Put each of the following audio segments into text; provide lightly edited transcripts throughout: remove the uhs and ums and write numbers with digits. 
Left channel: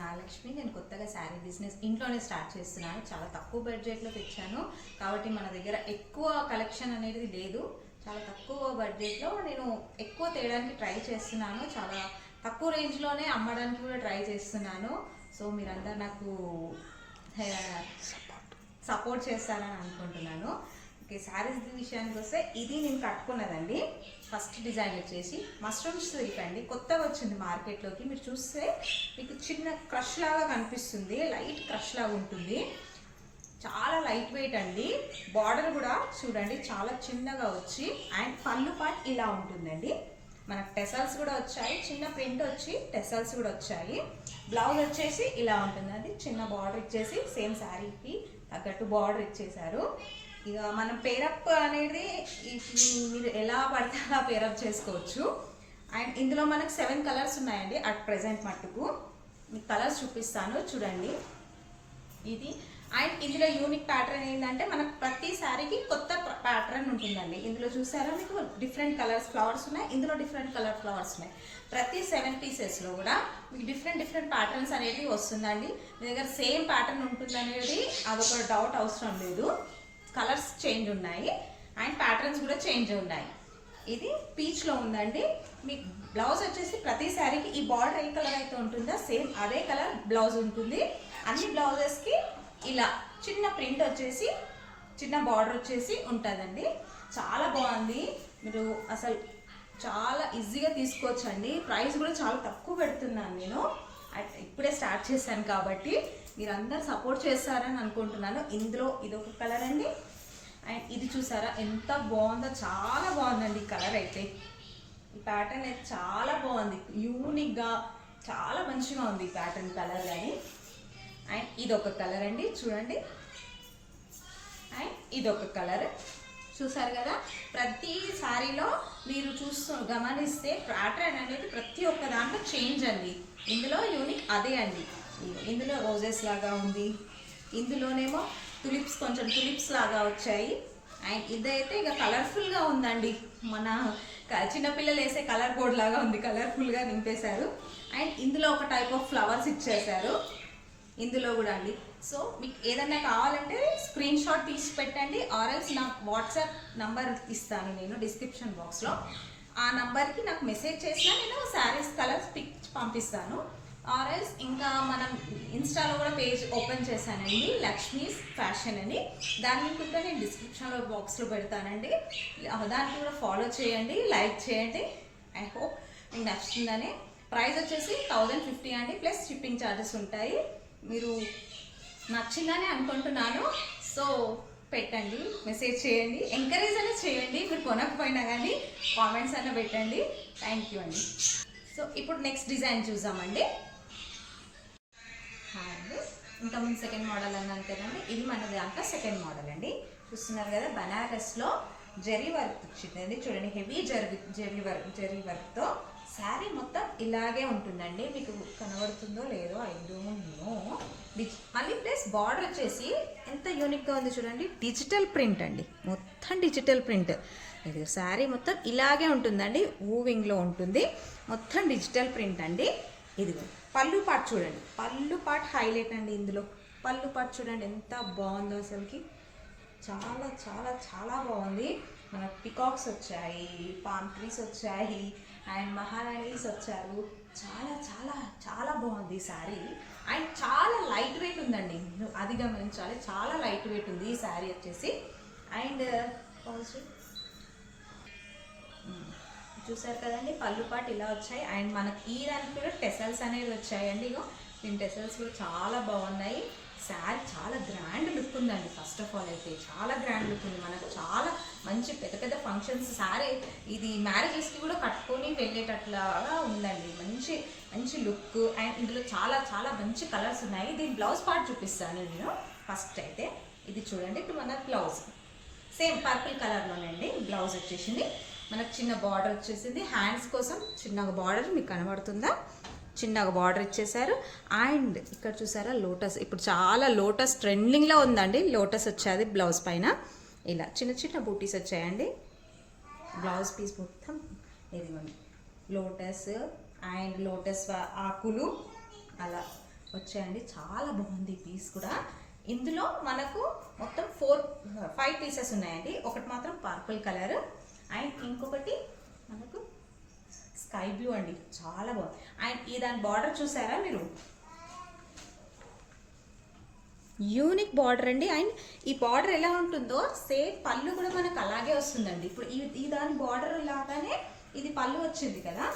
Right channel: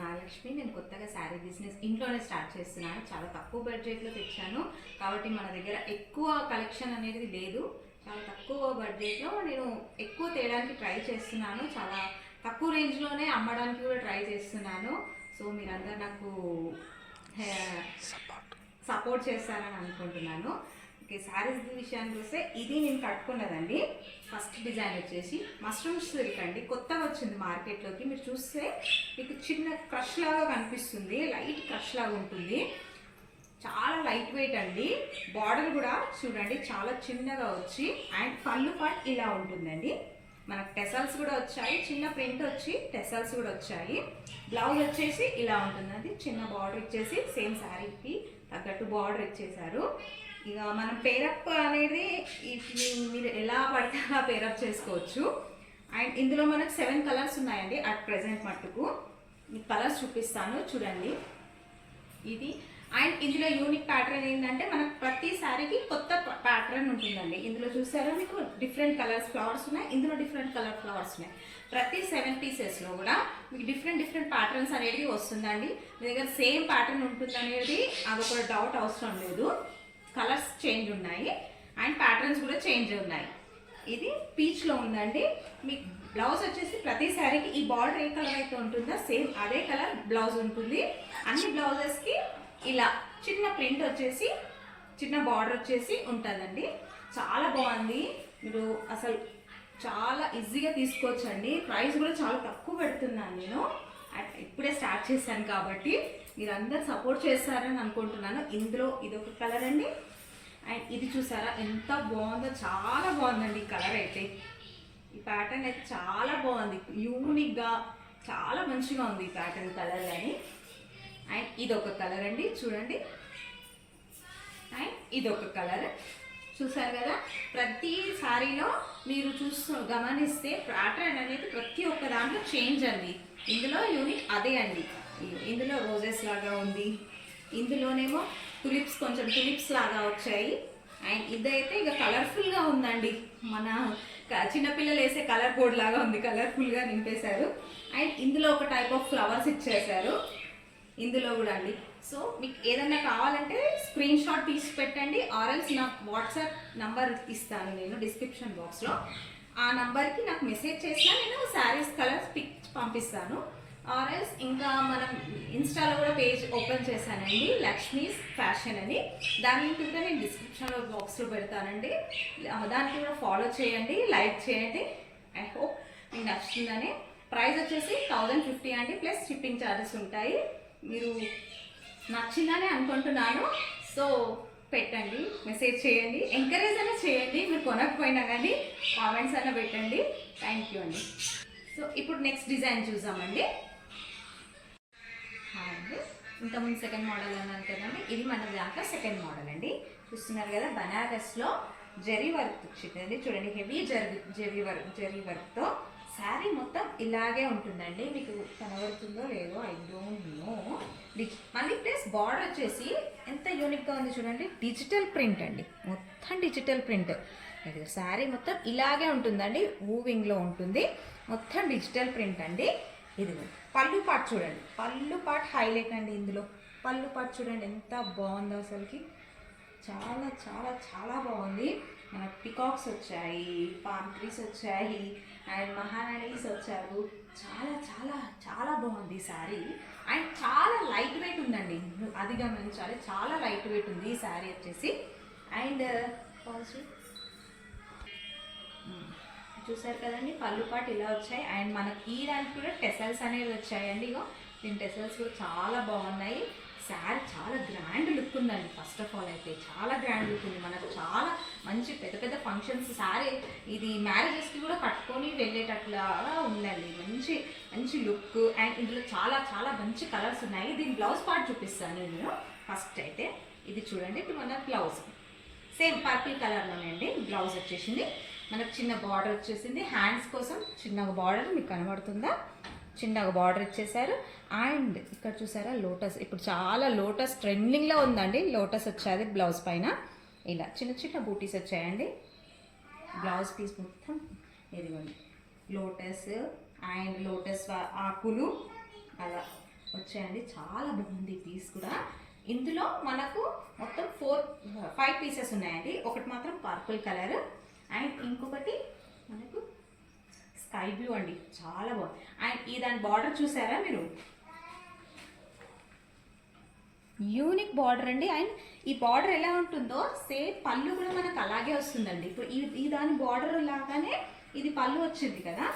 నాగలక్ష్మి. నేను కొత్తగా శారీ బిజినెస్ ఇంట్లోనే స్టార్ట్ చేస్తున్నాను. చాలా తక్కువ బడ్జెట్లో తెచ్చాను కాబట్టి మన దగ్గర ఎక్కువ కలెక్షన్ అనేది లేదు. చాలా తక్కువ బడ్జెట్లో నేను ఎక్కువ తేయడానికి ట్రై చేస్తున్నాను. చాలా తక్కువ రేంజ్లోనే అమ్మడానికి కూడా ట్రై చేస్తున్నాను. సో మీరందరూ నాకు సపోర్ట్ చేస్తారని అనుకుంటున్నాను. ఓకే, శారీస్ విషయానికి వస్తే ఇది నేను కట్టుకున్నదండి. ఫస్ట్ డిజైన్ వచ్చేసి మష్రూమ్ సిల్క్ అండి. కొత్తగా వచ్చింది మార్కెట్లోకి. మీరు చూస్తే మీకు చిన్న క్రష్ లాగా కనిపిస్తుంది, లైట్ క్రష్ లాగా ఉంటుంది. చాలా లైట్ వెయిట్ అండి. బార్డర్ కూడా చూడండి చాలా చిన్నగా వచ్చి అండ్ పళ్ళు పార్ట్ ఇలా ఉంటుందండి. మనకు టెసల్స్ కూడా వచ్చాయి, చిన్న ప్రింట్ వచ్చి టెసల్స్ కూడా వచ్చాయి. బ్లౌజ్ వచ్చేసి ఇలా ఉంటుందండి. చిన్న బార్డర్ ఇచ్చేసి సేమ్ శారీకి తగ్గట్టు బార్డర్ ఇచ్చేసారు. ఇక మనం పేరప్ అనేది మీరు ఎలా పడితే అలా పేరప్ చేసుకోవచ్చు. అండ్ ఇందులో మనకు 7 కలర్స్ ఉన్నాయండి అట్ ప్రెజెంట్ మట్టుకు. మీకు కలర్స్ చూపిస్తాను చూడండి. ఇది అండ్ ఇందులో యూనిక్ ప్యాటర్న్ ఏంటంటే మనకు ప్రతి శారీకి కొత్త ప్యాటర్న్ ఉంటుందండి. ఇందులో చూసారా మీకు డిఫరెంట్ కలర్స్ ఫ్లవర్స్ ఉన్నాయి, ఇందులో డిఫరెంట్ కలర్ ఫ్లవర్స్ ఉన్నాయి. ప్రతి 7 పీసెస్లో కూడా మీకు డిఫరెంట్ ప్యాటర్న్స్ అనేది వస్తుందండి. మీ దగ్గర సేమ్ ప్యాటర్న్ ఉంటుంది అనేది అదొక డౌట్ అవసరం లేదు. కలర్స్ చేంజ్ ఉన్నాయి అండ్ ప్యాటర్న్స్ కూడా చేంజ్ ఉన్నాయి. ఇది పీచ్లో ఉందండి. మీకు బ్లౌజ్ వచ్చేసి ప్రతి శారీకి ఈ బార్డర్ ఏ కలర్ అయితే ఉంటుందో సేమ్ అదే కలర్ బ్లౌజ్ ఉంటుంది. అన్ని బ్లౌజెస్కి ఇలా చిన్న ప్రింట్ వచ్చేసి చిన్న బార్డర్ వచ్చేసి ఉంటుందండి. చాలా బాగుంది. మీరు అసలు చాలా ఈజీగా తీసుకోవచ్చండి. ప్రైస్ కూడా చాలా తక్కువ పెడుతున్నాను నేను. ఇప్పుడే స్టార్ట్ చేశాను కాబట్టి మీరు అందరు సపోర్ట్ చేస్తారని అనుకుంటున్నాను. ఇందులో ఇదొక కలర్ అండి. అండ్ ఇది చూసారా ఎంత బాగుందో, చాలా బాగుందండి ఈ కలర్ అయితే. ఈ ప్యాటర్న్ అయితే చాలా బాగుంది, యూనిక్గా చాలా మంచిగా ఉంది ఈ ప్యాటర్న్ కలర్ కానీ. అండ్ ఇదొక కలర్ అండి చూడండి. అండ్ ఇదొక కలర్ చూసారు కదా. ప్రతి సారీలో మీరు గమనిస్తే ప్యాటర్న్ అనేది ప్రతి ఒక్క దాంట్లో చేంజ్ అండి. ఇందులో యూనిక్ అదే అండి. ఇందులో రోజెస్ లాగా ఉంది, ఇందులోనేమో కొంచెం టులిప్స్ లాగా వచ్చాయి. అండ్ ఇదైతే ఇక కలర్ఫుల్గా ఉందండి. మన చిన్నపిల్లలు వేసే కలర్ బోర్డ్ లాగా ఉంది, కలర్ఫుల్గా నింపేశారు. అండ్ ఇందులో ఒక టైప్ ఆఫ్ ఫ్లవర్స్ ఇచ్చేసారు ఇందులో కూడా అండి. సో మీకు ఏదైనా కావాలంటే స్క్రీన్ షాట్ తీసి పెట్టండి, ఆర్ఎల్స్ నాకు వాట్సాప్ నంబర్ ఇస్తాను నేను డిస్క్రిప్షన్ బాక్స్లో. ఆ నంబర్కి నాకు మెసేజ్ చేసినా నేను శారీస్ కలర్స్ పిక్ పంపిస్తాను. ఆర్ఎల్స్ ఇంకా మనం ఇన్స్టాలో కూడా పేజ్ ఓపెన్ చేశానండి, లక్ష్మీస్ ఫ్యాషన్ అని. దాని కూడా నేను డిస్క్రిప్షన్లో బాక్స్లో పెడతానండి. దానికి కూడా ఫాలో చేయండి, లైక్ చేయండి. ఐ హోప్ మీకు నచ్చుతుందని. ప్రైస్ వచ్చేసి 1050 అండి, ప్లస్ షిప్పింగ్ ఛార్జెస్ ఉంటాయి. మీరు నచ్చిందని అనుకుంటున్నాను. సో పెట్టండి, మెసేజ్ చేయండి, ఎంకరేజ్ అయినా చేయండి. మీరు కొనకపోయినా కానీ కామెంట్స్ అయినా పెట్టండి. థ్యాంక్ యూ అండి. సో ఇప్పుడు నెక్స్ట్ డిజైన్ చూద్దామండి. అండి ఇంతకుముందు సెకండ్ మోడల్ అని అంతేనండి. ఇది మన దాంట్లో సెకండ్ మోడల్ అండి. చూస్తున్నారు కదా, బనారస్లో జరీ వర్క్ వచ్చిందండి. చూడండి, హెవీ జరీ వర్క్తో శారీ మొత్తం ఇలాగే ఉంటుందండి. మీకు కనబడుతుందో లేదో ఐ డోంట్ నో. మళ్ళీ ప్లస్ బార్డర్ వచ్చేసి ఎంత యూనిక్గా ఉంది చూడండి. డిజిటల్ ప్రింట్ అండి, మొత్తం డిజిటల్ ప్రింట్. శారీ మొత్తం ఇలాగే ఉంటుందండి, మూవింగ్లో ఉంటుంది. మొత్తం డిజిటల్ ప్రింట్ అండి. ఇదిగో పళ్ళు పార్ట్ చూడండి, పళ్ళు పార్ట్ హైలైట్ అండి. ఇందులో పళ్ళు పార్ట్ చూడండి ఎంత బాగుందో అసలుకి. చాలా చాలా చాలా బాగుంది. మనకు పికాక్స్ వచ్చాయి, పామ్ ట్రీస్ వచ్చాయి అండ్ మహారాణీస్ వచ్చారు. చాలా చాలా చాలా బాగుంది ఈ శారీ. అండ్ చాలా లైట్ వెయిట్ ఉందండి, అది గమనించాలి. చాలా లైట్ వెయిట్ ఉంది ఈ శారీ వచ్చేసి. అండ్ చూసారు కదండి, పళ్ళు పాటు ఇలా వచ్చాయి. అండ్ మనకి ఈ దానికి కూడా టెసల్స్ అనేవి వచ్చాయండి. ఇగో దీని టెసల్స్ కూడా చాలా బాగున్నాయి. శారీ చాలా గ్రాండ్ లుక్ ఉందండి. ఫస్ట్ ఆఫ్ ఆల్ అయితే చాలా గ్రాండ్ లుక్ ఉంది. మనకు చాలా మంచి పెద్ద పెద్ద ఫంక్షన్స్ శారీ ఇది మ్యారేజెస్కి కూడా కట్టుకొని వెళ్ళేటట్లుగా ఉందండి. మంచి మంచి లుక్. అండ్ ఇందులో చాలా చాలా మంచి కలర్స్ ఉన్నాయి. దీని బ్లౌజ్ పార్ట్ చూపిస్తాను నేను. ఫస్ట్ అయితే ఇది చూడండి, ఇప్పుడు మన బ్లౌజ్ సేమ్ పర్పుల్ కలర్లోనే అండి. బ్లౌజ్ వచ్చేసింది మనకు చిన్న బార్డర్ వచ్చేసింది. హ్యాండ్స్ కోసం చిన్నగా బార్డర్ మీకు కనబడుతుందా, చిన్నగా బార్డర్ ఇచ్చేసారు. అండ్ ఇక్కడ చూసారా లోటస్, ఇప్పుడు చాలా లోటస్ ట్రెండింగ్లో ఉందండి. లోటస్ వచ్చేది బ్లౌజ్ పైన. ఇలా చిన్న చిన్న బూటీస్ వచ్చాయండి. బ్లౌజ్ పీస్ మొత్తం ఇదిగోండి లోటస్ అండ్ లోటస్ ఆకులు అలా వచ్చాయండి. చాలా బాగుంది ఈ పీస్ కూడా. ఇందులో మనకు మొత్తం 5 పీసెస్ ఉన్నాయండి. ఒకటి మాత్రం పర్పుల్ కలర్ అండ్ ఇంకొకటి మనకు స్కై బ్లూ అండి, చాలా బాగుంది. అండ్ ఈ దాని బార్డర్ చూసారా మీరు, యూనిక్ బార్డర్ అండి. అండ్ ఈ బార్డర్ ఎలా ఉంటుందో సేమ్ పళ్ళు కూడా మనకు అలాగే వస్తుందండి. ఇప్పుడు ఈ దాని బార్డర్ లాగానే ఇది పళ్ళు వచ్చింది కదా,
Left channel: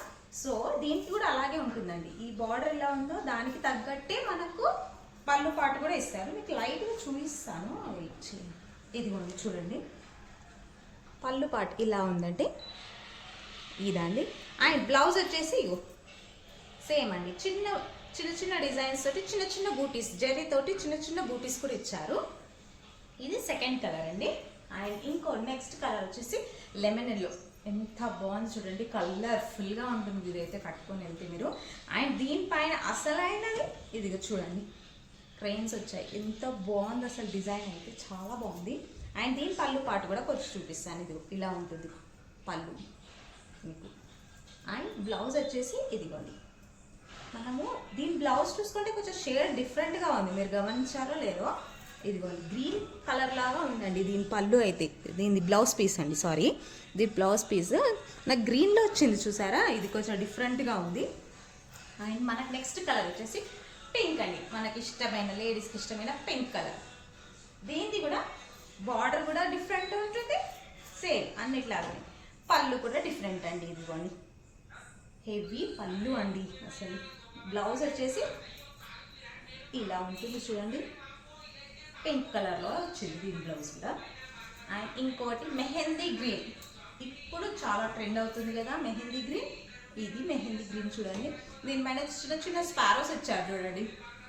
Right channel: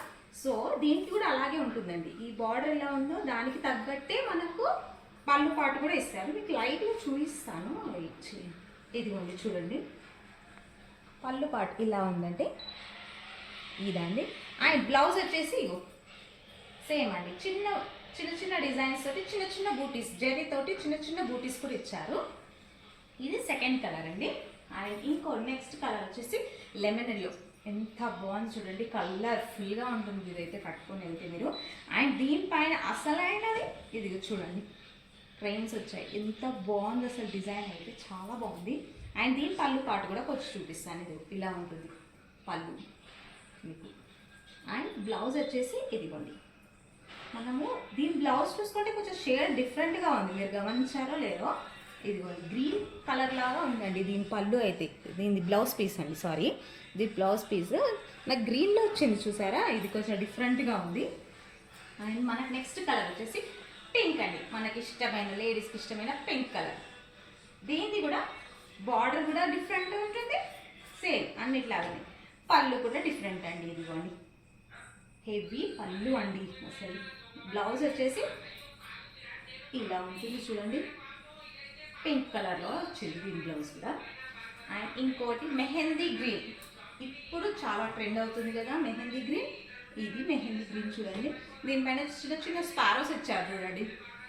సో దీనికి కూడా అలాగే ఉంటుందండి. ఈ బార్డర్ ఎలా ఉందో దానికి తగ్గట్టే మనకు పళ్ళు పాటు కూడా ఇస్తారు. మీకు లైట్గా చూపిస్తాను, ఇదిగోండి చూడండి. పళ్ళు పాటు ఇలా ఉందండి, ఇదండి. అండ్ బ్లౌజ్ వచ్చేసి ఇగో సేమ్ అండి, చిన్న చిన్న చిన్న డిజైన్స్ తోటి చిన్న చిన్న బూటీస్, జరీ తోటి చిన్న చిన్న బూటీస్ కూడా ఇచ్చారు. ఇది సెకండ్ కలర్ అండి. అండ్ ఇంకో నెక్స్ట్ కలర్ వచ్చేసి లెమన్ ఎల్లో, ఎంత బాగుంది చూడండి, కలర్ఫుల్గా ఉంటుంది ఇదైతే కట్టుకుని వెళ్తే మీరు. అండ్ దీనిపైన అసలైనది ఇదిగో చూడండి, ట్రైన్స్ వచ్చాయి, ఎంత బాగుంది అసలు, డిజైన్ అయితే చాలా బాగుంది. అండ్ దీని పళ్ళు పాటు కూడా కొంచెం చూపిస్తాను, ఇది ఇలా ఉంటుంది పళ్ళు మీకు. అండ్ బ్లౌజ్ వచ్చేసి ఇదిగోండి, మనము దీని బ్లౌజ్ చూసుకుంటే కొంచెం షేడ్ డిఫరెంట్గా ఉంది, మీరు గమనించారో లేదో, ఇదిగోండి గ్రీన్ కలర్ లాగా ఉందండి దీని పళ్ళు అయితే. దీని బ్లౌజ్ పీస్ అండి, సారీ, దీని బ్లౌజ్ పీస్ నాకు గ్రీన్లో వచ్చింది చూసారా, ఇది కొంచెం డిఫరెంట్గా ఉంది. అండ్ మనకు నెక్స్ట్ కలర్ వచ్చేసి పింక్ అండి, మనకి ఇష్టమైన లేడీస్కి ఇష్టమైన పింక్ కలర్. దీనిది కూడా బార్డర్ కూడా డిఫరెంట్ ఉంటుంది, సేమ్ అన్నిట్లాగా. పళ్ళు కూడా డిఫరెంట్ అండి, ఇదిగోండి హెవీ పళ్ళు అండి అసలు. బ్లౌజ్ వచ్చేసి ఇలా ఉంటుంది చూడండి, పింక్ కలర్లో వచ్చింది దీని బ్లౌజ్ కూడా. అండ్ ఇంకోటి మెహందీ గ్రీన్, ఇప్పుడు చాలా ట్రెండ్ అవుతుంది కదా మెహందీ గ్రీన్. ఇది మెహందీ గ్రీన్ చూడండి, దీనిపైన చిన్న చిన్న స్పారోస్ ఇచ్చారు చూడండి,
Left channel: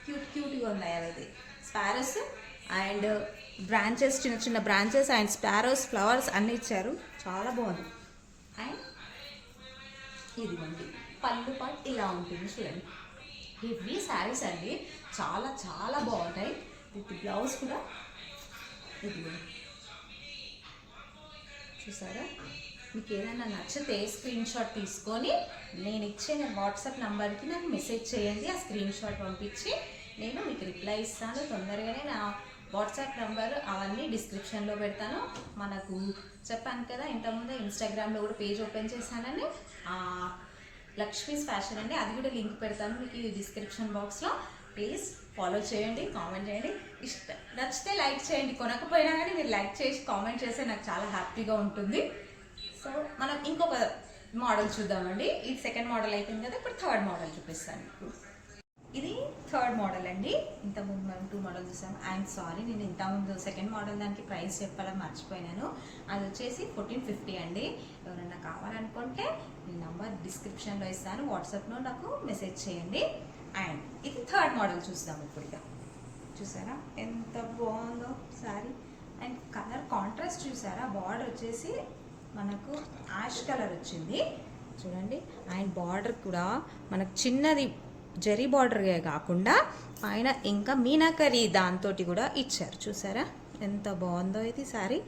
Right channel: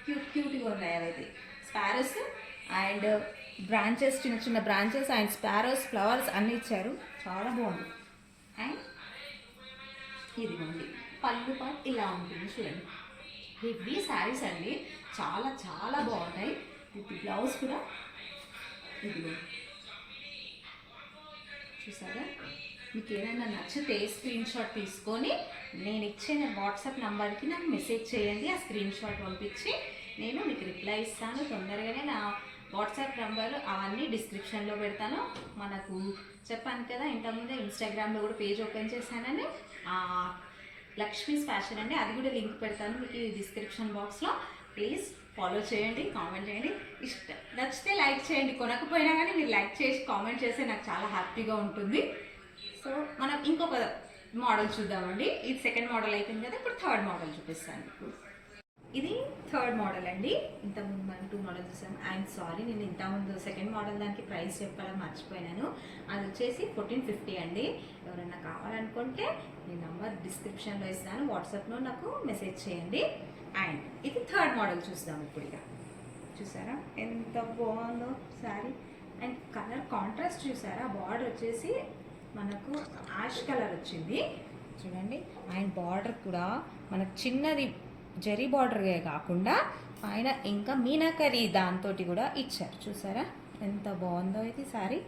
క్యూట్గా ఉన్నాయి అవైతే స్పారోస్. అండ్ బ్రాంచెస్, చిన్న చిన్న బ్రాంచెస్ అండ్ స్పారోస్, ఫ్లవర్స్ అన్నీ ఇచ్చారు, చాలా బాగుంది. అండ్ ఇదిగోండి పళ్ళు పాటు ఇలా ఉంటుంది చూడండి. ఇవి శారీస్ అండి, చాలా చాలా బాగుంటాయి. విత్ బ్లౌజ్ కూడా ఇదిగో చూసారా. మీకు ఏదైనా నచ్చితే స్క్రీన్ షాట్ తీసుకొని నేను ఇచ్చే వాట్సాప్ నెంబర్కి నాకు మెసేజ్ చేయండి. ఆ స్క్రీన్ షాట్ పంపించి నేను మీకు రిప్లై ఇస్తాను తొందరగానే. నా వాట్సాప్ నెంబర్ అవన్నీ డిస్క్రిప్షన్లో పెడతాను. మనకు చెప్పాను కదా ఇంతకుముందే ఇన్స్టాగ్రామ్లో కూడా పేజ్ ఓపెన్ చేశానని, లక్ష్మీస్ ఫ్యాషన్ అండి, అది కూడా లింక్ పెడతాను ఈ డిస్క్రిప్షన్ బాక్స్లో. ప్లీజ్ ఫాలో చేయండి, కామెంట్ చేయండి, నచ్చితే లైక్ చేయండి. కొనకపోయినా కానీ మీరు లైక్ చేసి కామెంట్ చేస్తే నాకు చాలా హ్యాపీగా ఉంటుంది. సో మనం ఇంకొక మోడల్ చూద్దామండి. ఇది సెకండ్ మోడల్ అయిపోయింది కదా, ఇప్పుడు థర్డ్ మోడల్ చూపిస్తాను. ఇది థర్డ్ మోడల్ అండి. ఇంతకుముందు మనం 2 మోడల్ చూసాను. ఐఎమ్ సారీ, నేను ఇంతకుముందు సెకండ్ మోడల్ దానికి ప్రైస్ చెప్పడం మర్చిపోయినాను. అది వచ్చేసి 1450 అండి. ఎవరైనా కావాలనుకుంటే మీ నంబర్ డిస్క్రిప్షన్లో ఇస్తాను, వాట్సాప్లో నాకు మెసేజ్ చేయండి. అండ్ ఇది థర్డ్ మోడల్ చూద్దాం ఇప్పుడు. ఇక చూసారా ఎంత బాగుందో శారీ. అండ్ కలర్ కాంట్రాస్ట్ చూసారా, బార్డర్ వచ్చేసి మనకు యాష్ కలర్ వచ్చింది చూడండి. అండ్ బార్డర్ కూడా మనకు చిన్నది జరీ బార్డర్గా కాకుండా పైన ఇంకా మీనాకరీ దాంతో కూడా ఇచ్చారు చూసారా, ఎంత బాగుందో ఇది శారీ.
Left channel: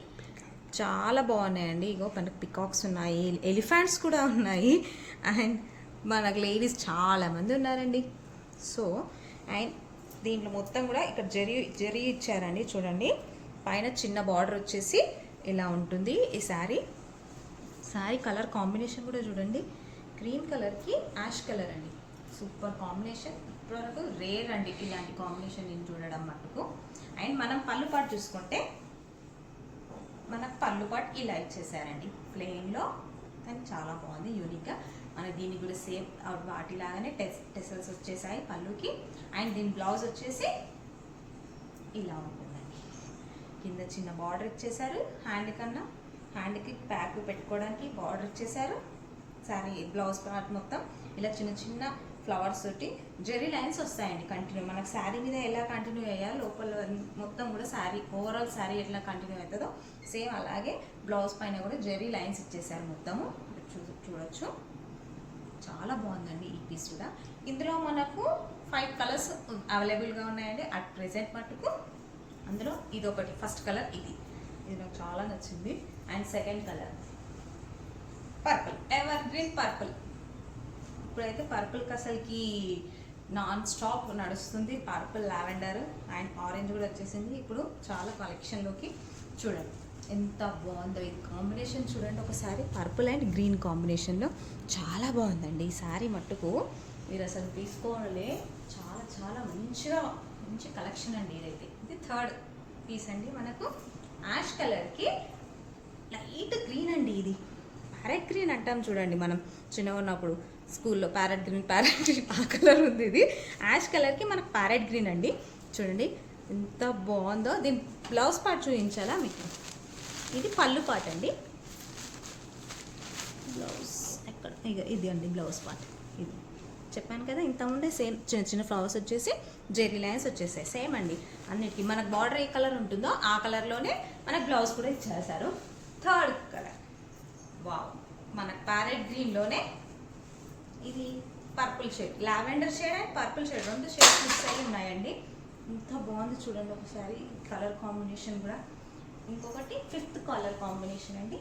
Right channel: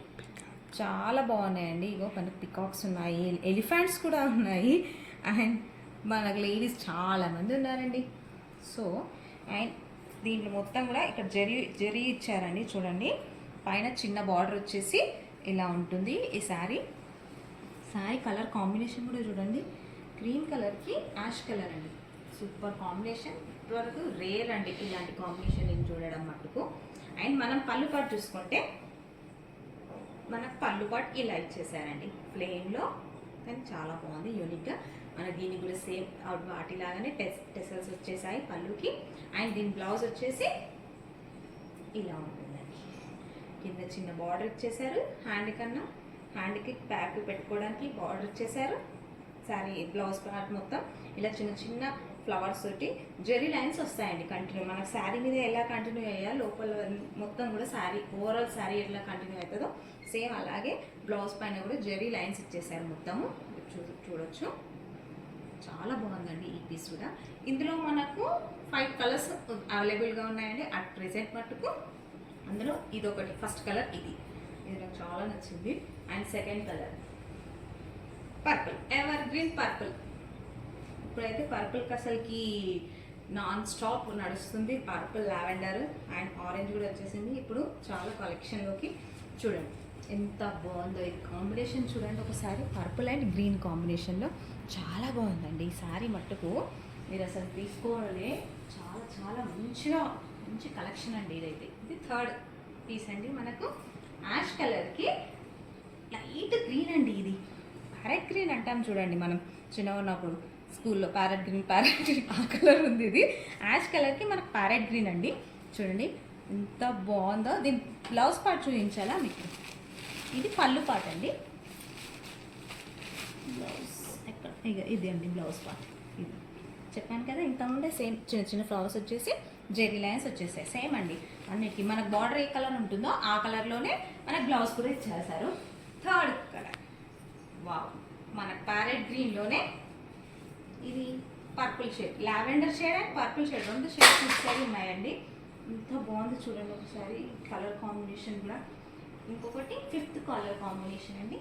చాలా బాగున్నాయండి. ఇగో మనకు పికాక్స్ ఉన్నాయి, ఎలిఫెంట్స్ కూడా ఉన్నాయి. అండ్ మనకు లేడీస్ చాలామంది ఉన్నారండి. సో అండ్ దీంట్లో మొత్తం కూడా ఇక్కడ జరీ ఇచ్చారండి చూడండి. పైన చిన్న బార్డర్ వచ్చేసి ఇలా ఉంటుంది ఈ శారీ. శారీ కలర్ కాంబినేషన్ కూడా చూడండి, గ్రీన్ కలర్కి యాష్ కలర్ అండి, సూపర్ కాంబినేషన్. ఇప్పటివరకు రేర్ అండి ఇలాంటి కాంబినేషన్ నేను చూడడం మటుకు. అండ్ మనం పళ్ళు పాటు చూసుకుంటే మనకు పళ్ళు పాటు ఇలా ఇచ్చేసారండి ప్లెయిన్లో, కానీ చాలా బాగుంది యూనిక్గా. మన దీనికి కూడా సేమ్ వాటిలాగానే టెసల్స్ వచ్చేసాయి పళ్ళుకి. అండ్ దీని బ్లౌజ్ వచ్చేసి ఇలా ఉంటుందండి, కింద చిన్న బార్డర్ ఇచ్చేసారు, హ్యాండ్కి బ్యాక్ పెట్టుకోవడానికి బార్డర్ ఇచ్చేసారు. శారీ బ్లౌజ్ పార్ట్ మొత్తం ఇలా చిన్న చిన్న ఫ్లవర్స్ తోటి జెరీ లైన్స్ వస్తాయండి కంటిన్యూ. మనకు శారీ మీద ఎలా కంటిన్యూ అయ్యాలి లోపల మొత్తం కూడా శారీ ఓవరాల్ శారీ ఎట్లా కంటిన్యూ అవుతుందో సేమ్ అలాగే బ్లౌజ్ పైన కూడా జెరీ లైన్స్ ఇచ్చేసారు మొత్తము, చూడొచ్చు. చాలా బాగుందండి ఈ పీస్ కూడా. ఇందులో మనకు 5 కలర్స్ అవైలబుల్గా ఉన్నాయండి అట్ ప్రెజెంట్ మటుకు. అందులో ఇది ఒకటి ఫస్ట్ కలర్, ఇది నాకు చాలా నచ్చింది. And second colour purple, ever green purple. ఇప్పుడైతే పర్పుల్కి అసలుకి నాన్ స్టాప్ నడుస్తుంది. పర్పుల్, లావెండర్ అండ్ ఆరెంజ్ కూడా వచ్చేసింది. ఇప్పుడు చాలా కలెక్షన్లోకి చూడండి ఎంత బాగుందో ఈ కాంబినేషన్. చూడండి ఒకసారి పర్పుల్ అండ్ గ్రీన్ కాంబినేషన్లో చాలా బాగుందండి ఈ శారీ. మట్టుకు మీరు అసలు తీసుకోవాలే, చాలా చాలా మంచి కలెక్షన్ అండి ఇదైతే. ఇది థర్డ్ పీస్ అండి. మనకు యాష్ కలర్కి లైట్ గ్రీన్ అండి. ఇది ప్యారెట్ గ్రీన్ అంటాం చూడండి, మనం చిన్నగా ఉన్నప్పుడు స్కూల్లో ప్యారెట్ గ్రీన్ ఆ కలర్ ఉంది. ఇది యాష్ కలర్కి మనకు ప్యారెట్ గ్రీన్ అండి. చూడండి ఎంత బాగుందో. దీని బ్లౌజ్ పార్ట్ చూపించాలా మీకు? ఇది పళ్ళు పార్ట్ అండి. బ్లౌజ్ ఎక్కడ? ఇక ఇది అండి బ్లౌజ్ పార్ట్. ఇది చెప్పాను కదా ఇంతకుముందే. సేమ్ చిన్న చిన్న ఫ్లవర్స్ వచ్చేసి జెరీ లైన్స్ వచ్చేసాయి. సేమ్ అండి అన్నిటికీ. మనకు బార్డర్ ఏ కలర్ ఉంటుందో ఆ కలర్లోనే మనకు బ్లౌజ్ కూడా ఇచ్చేసారు. థర్డ్ కలర్ వావ్, మన ప్యారెట్ గ్రీన్లోనే ఇది purple shade, lavender shade and purple shade, 2 shades mix ఉన్నాయండి. ఇంత బాగుంది చూడండి ఒకసారి కలర్ కాంబినేషన్ కూడా. ఇంకొకటి 5th కలర్ కాంబినేషన్ అండి.